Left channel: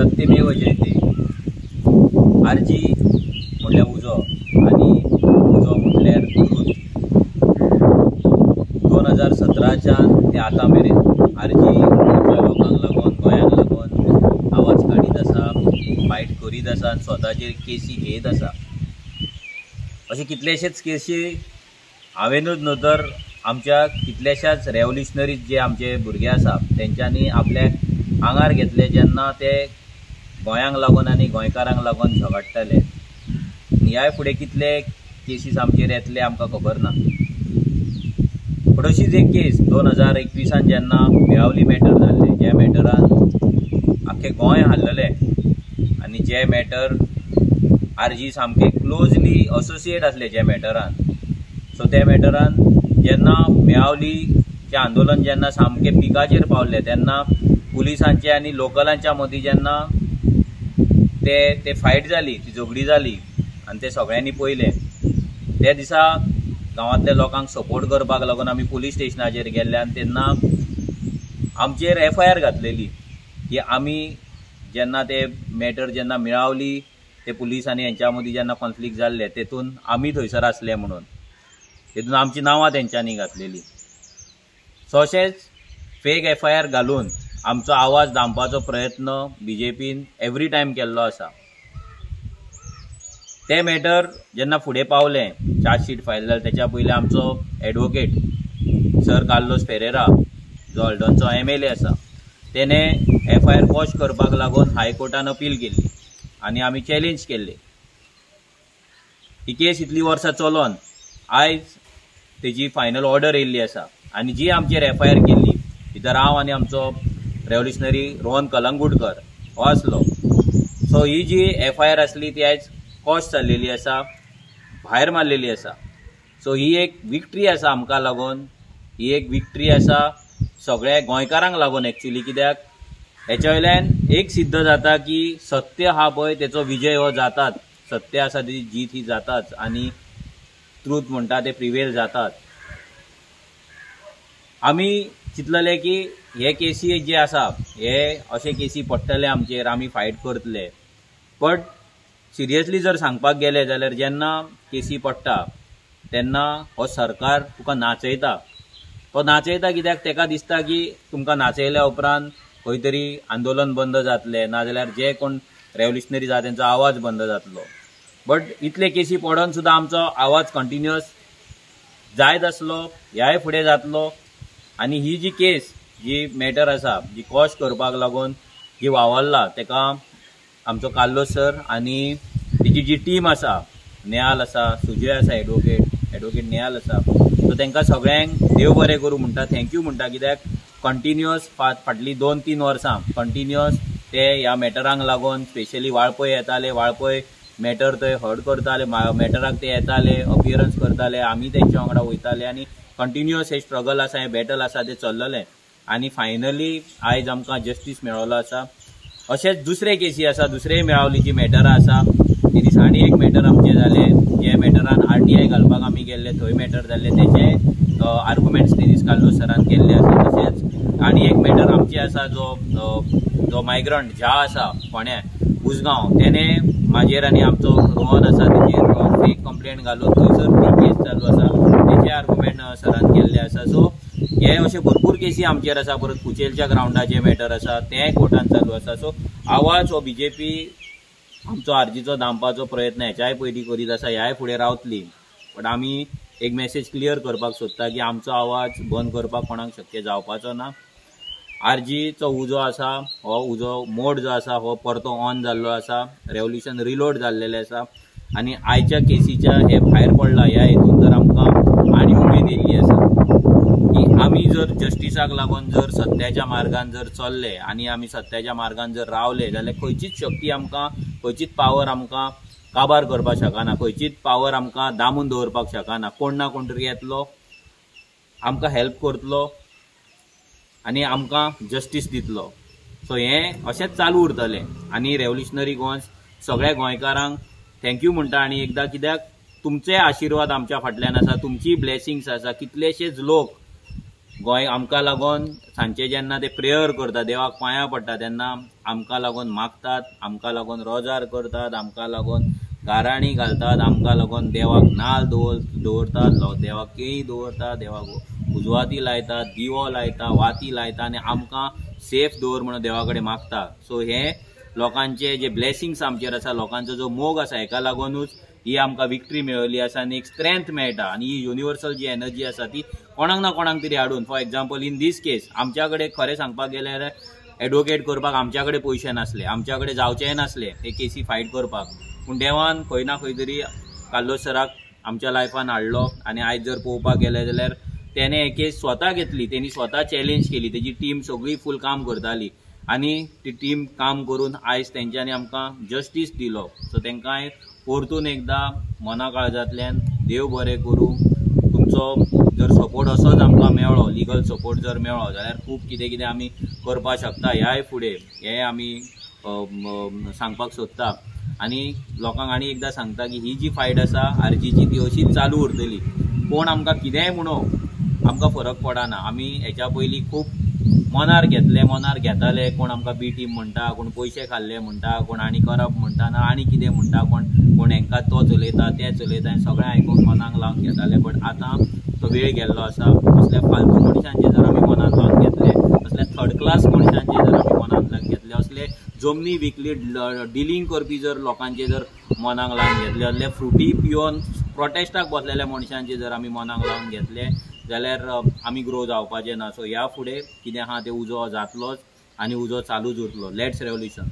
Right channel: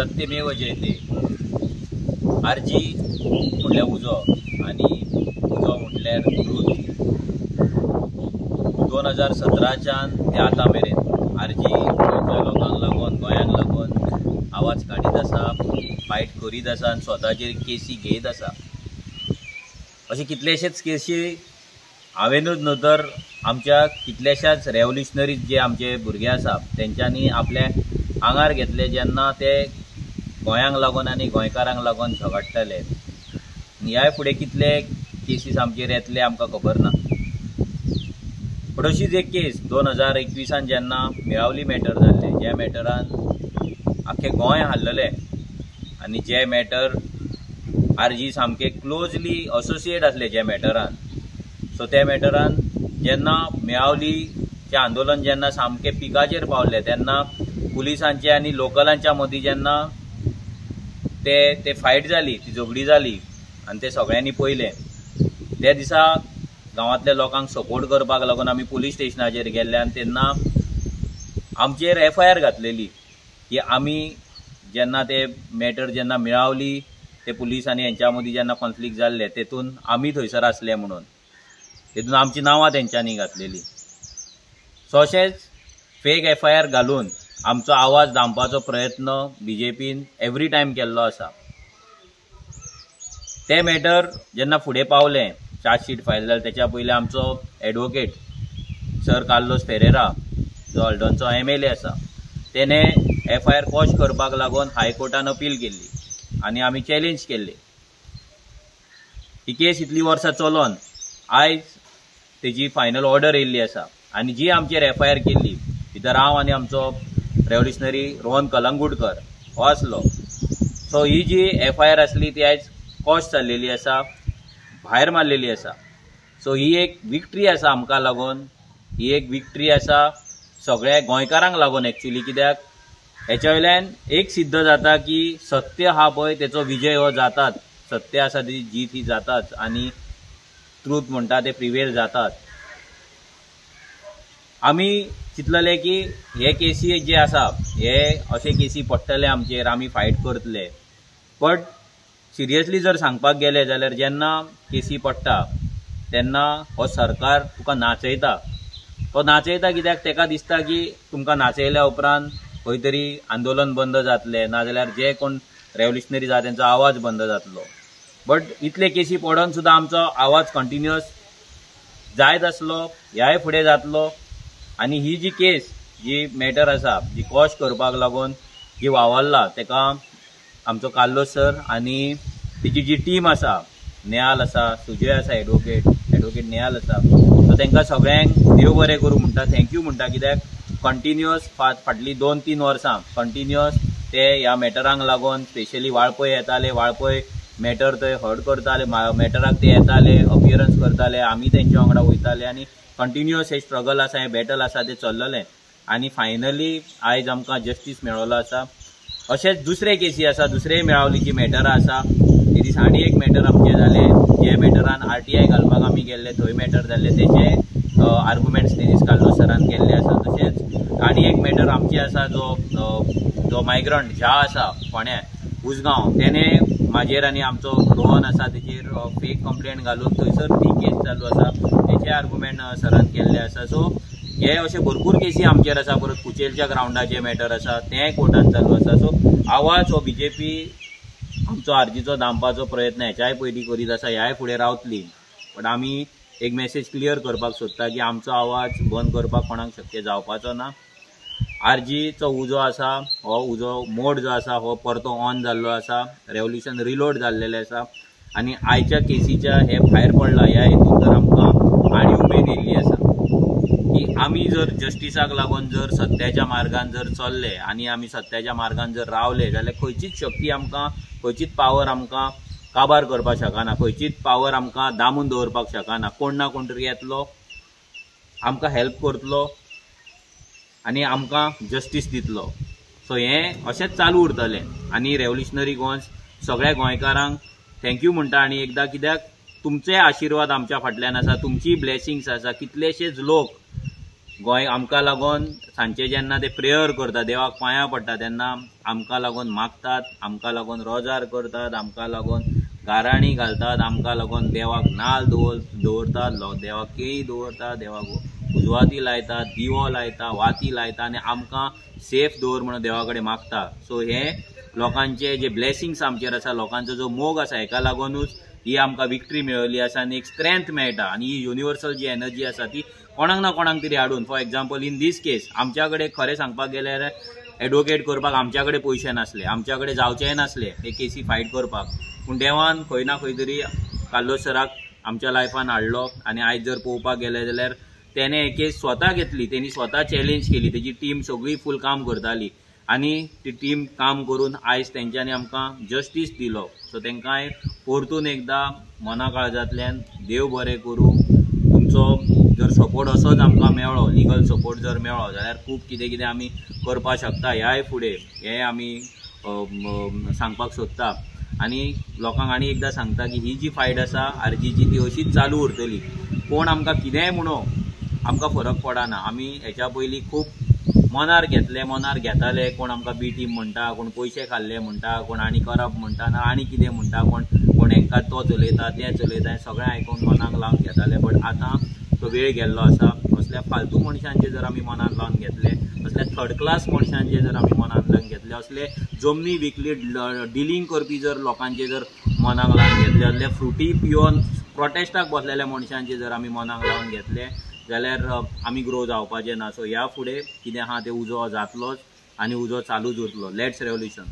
सत्यमेव जयते। आरजी म्हटल्यार उजो आनी उजो म्हटल्यार ट्रूथ। 2017च्यान ते आतां मेरेन आरजी गोंयच्या लोकांक लागून गोंयांक लागून आवाज काडीत आसा, फायट करीत आसा आनी स्वताचेर केसी घेयत आसा। अशे कितलेशेच केसी हांवेनूच न्हू तर आमच्या कितल्याशाच रेव्होल्युशनरीज जे आमचे भुरगे आसा तेंच्यांनी आपल्या आंगार घेतले जेन्ना ते गोंयांक लागून आनी गोंयकारांक लागून झगडटाले। ह्या फुडें कितले केसीस आमचेर येतले आमकां खबर ना। पण अशीच एक केस 2021 जेन्ना मेळावली मॅटर जाल्ले, ज्या मॅटरान आख्खें गोंय हाल्लले आनी जे मॅटर आरजी सामके क्लोजली असोसिएट आसले जे मॅटरान। सो त्या मॅटरान जेन्ना मेळावलीचें आंदोलन जेन्ना सामके पिकाचेर पावले तेन्ना पुलिसांचे आनी लोकलांच्या मदीं जेन्ना ते फायट जाली, ती झगडी जाली आनी ते सगळ्यांनी पळयलें, त्या दिसा गांवांतल्या लोकांक सपोर्ट करपाक लागून आमी पुलीस स्टेशनाचेर गेल्ले आनी तेन्ना आमचेर FIR घातलेली की आमी जेन्ना ते मॅटर जेन्ना मेळावली ते पुलीस आनी हेंच्या मदीं जेन्ना कॉन्फ्लिक्ट जाल्ले तेतून आमी थंयसर आसले म्हणून तेतून आमची नांवां तेंच्यांनी घातलेली। सो अशेंच फेक FIR घालून आमचो आवाज दामपाचो प्रयत्न BJPन एवरी टायम केल्लो आसा। ते मॅटर जेन्ना फुडें पावलें, चार्जशीट फायल जालें, तेच्या पयलीं आमचो एडवोकेट सर कार्लोस फेरेरा जो हल्डोनचो MLA आसा तेणे FIR क्वॉश करपाक लागून हायकोर्टान अपील केल्ली आनी आमी चॅलेंज केल्ली। ही केस इतली वर्सां चलोन आयज तेजी फायनल ऑर्डर येयल्ली आसा आनी जी आमचेर FIR केल्ली भितर हांव आनी आमचो रेव्होल्युशनरी रोहन कलंगूटकर हो आसलो। सो ही जी FIR आसली ती आयज क्वॉश जाल्लेली आसा, भायर मारलेली आसा। सो ही एक विक्ट्री आसा आमकां लागून, ही एक विक्ट्री आसा सगळ्या गोंयकारांक लागून एक्चुअली। कित्याक हेच्या वयल्यान एक सिद्ध जाता की सत्य हा पळय तेचो विजय हो जाताच, सत्य आसा तेजी जीत ही जाताच आनी ट्रूथ म्हणटा ते प्रिवेल जातात। आमी चिंतलेले की हे केसी जे आसा हे अशे केसी पडटले आमचेर, आमी फायट करतले। बट सिरियसली जर सांगपाक गेले जाल्यार जेन्ना केसी पडटा तेन्ना हो सरकार तुका नाचयता। तो नाचयता कित्याक तेका दिसता की तुमकां नाचयल्या उपरांत खंय तरी आंदोलन बंद जातलें, नाजाल्यार जे कोण रेव्होल्युशनरीज आसा तेंचो आवाज बंद जातलो। बट इतले केसी पडोन सुद्दां आमचो आवाज कंटिन्युअस जायत आसलो, ह्याय फुडें जातलो। आनी ही जी केस जी मॅटर आसा जी क्वॉश करपाक लागून जी वावरला तेका आमचो कार्लोस सर आनी तेजी जी टीम आसा, नेहाल आसा, सुजय आसा, एडवोकेट नेहाल आसा, सो तेंकां सगळ्यांक देव बरें करूं म्हणटा, थँक्यू म्हणटा। कित्याक कंटिन्युअस फाटलीं 2-3 वर्सां कंटिन्युअस ते ह्या मॅटरांक लागून स्पेशली वाळपय येताले, वाळपय मॅटर थंय हर्ट करताले, मॅटराक ते येताले, अपियरन्स करताले, आमी तेंच्या वांगडा वयताले आनी कंटिन्युअस हे स्ट्रगल आसा, हे बॅटल आसा ते चल्ललें आनी फायनली आयज आमकां जस्टीस मेळ्ळो आसा। अशेंच दुसरे केसी आसा, दुसरे मेळावलीची मॅटरां आसा। ते दीस आनी एक मॅटर आमचें जालें, जे मॅटरान RTI घालपाक आमी गेल्ले, थंय मॅटर जाल्ले, तेचे आर्ग्युमेंट्स ते दीस कार्लोस सरान केल्ले आसा। तशेंच आनी एक मॅटर आमचे आसा जो मायग्रंट झा आसा फोण्या उसगांव, तेणे म्हाजेर आनी आमचो रोहन आसा तेचेर फेक कंप्लेंट घालून थंयसर ती केस चालू आसा, तेचे आर्ग्युमेंट सरान केल्ले आसा। सो हे अशे भरपूर केसी आमचेर आसा। परत कुचेलच्या ग्राउंडाचे मॅटर आसा तें कोर्टान चालू आसा। सो आवाज हो BJP आमचो आरजीचो दामपाचो प्रयत्न हेच्याय पयलीं करीत आसा, ह्याय फुडें रावतली। पण आमी एक मेसेज क्लियर करपाक सोदता की आमचो आवाज बंद करपाक कोणाक शक्य जावपाचो ना। आरजीचो उजो आसा, हो उजो मोड जो आसा हो परतो ऑन जाल्लो आसा, रेव्होल्युशन रिलोड जाल्लेलें आसा आनी आयच्या केसीच्या हे भायर पडला ह्या हेतून तर आमकां आनी उमेद येयल्ली आसा की आमी जर जस्टिसाक लागून जर सत्याच्या मार्गान जर चल्ले आनी आमी सत्याच्या मार्गान जर रावले जाल्यार खंयचीच शक्ती आमकां, खंयचीच पावर आमकां काबार करपाक शकना, खंयचीच पावर आमकां दामून दवरपाक शकना। कोण ना कोण तरी येतलो, आमकां हेल्प करतलो आनी आमकां जस्टीस दितलो। सो हें अशेंच चालू उरतलें आनी रेव्होल्युशनरी गोंय सगळ्या गोंयकारांक थँक्यू म्हणटा आनी एकदां, कित्याक तुमचे आशिर्वाद आमच्या फाटल्यान आसा, तुमची ब्लेसिंग्स आसा। कितलेशेच लोक गोंय आमकां लागून सांचे जेन्ना ते प्रेयर करता, देवाक पांयां पडटा, तेन्ना आमकां लागून मागतात, आमकां लागून रोजार करतात, आमकां लागून गाराणी घालतात, आमकां लागून देवाक नाल्ल दवरतात, देवाक केळीं दवरतात, देवाक उजवाती लायतात, दिवो लायता, वाती लायता आनी आमकां सेफ दवर म्हणून देवा कडेन मागता. सो हे लोकांचे जे ब्लेसिंग्स आमचेर आसा, लोकांचो जो मोग आसा, हेका लागूनच ही आमकां विक्ट्री मेळिल्ली आसा आनी एक स्ट्रेंथ मेळटा. आनी ही युनिवर्सल जी एनर्जी आसा ती कोणाक ना कोणाक तरी हाडून, for example in these case आमच्या कडेन खरें सांगपाक गेल्यार एडवोकेट करपाक आमच्या कडेन पयशे नासले, आमच्या कडेन जावचेंय नासले हे केसी फायट करपाक, पूण देवान खंय ना खंय तरी कार्लोस सराक आमच्या लायफान हाडलो. आनी आयज जर पळोवपाक गेले जाल्यार तेणे हे केस स्वता घेतली, तेणी स्वता चॅलेंज केली, तेजी टीम सगळी फूल काम करताली आनी ती टीम काम करून आयज तेंच्यांनी आमकां जस्टीस दिलो. सो तेंकांय परतून एकदां मना काळजांतल्यान देव बरें करूं. तुमचो जर सपोर्ट असोच आमकां मेळ्ळो, लिगल सपोर्ट जर मेळ्ळो जाल्यार खूब कितें कितें आमी करपाक शकता ह्याय फुडें, हें आमी सांगपाक सोदता. आनी लोकांक आनी एकदां सांगता की ही जी फायट आसा आरजीची ती अशीच चालू उरतली. कोण आमकां कितेंय म्हणो आमकां फरक पडना. आमी हेच्या पयलीं खूब मनार घेताले, कोण आमकां बी टीम म्हणटा, कोण पयशे खाल्ले म्हणटा, कोण आनी करप म्हणटा ना आनी कितें म्हणटा, कोण हेंकां तो चलयता तें चलयता, हें सगळें आयकून मनाक लावन घेताले. बट आतां तो वेळ गेल्लो आसा. असल्या फालतू मनशांचे जर आमी मनान लावन घेतले, असल्या थर्ड क्लास मनशांचे जर आमी मनान लावन घेतले, असले जमनी विकली डिलींग करपी जर लोकांचे जर मनाक लावन घेतले, असले फ्रुटी पिवन प्रोटेस्टाक बसलेल्या मनशांचे जर आमी मनाक लावन घेतले जाल्यार आमी ग्रो जावपाचे ना. सो ह्या फुडें कितें आहा तें उजो जातलोच आनी उजो चालूच उरतलो. Let's revolution.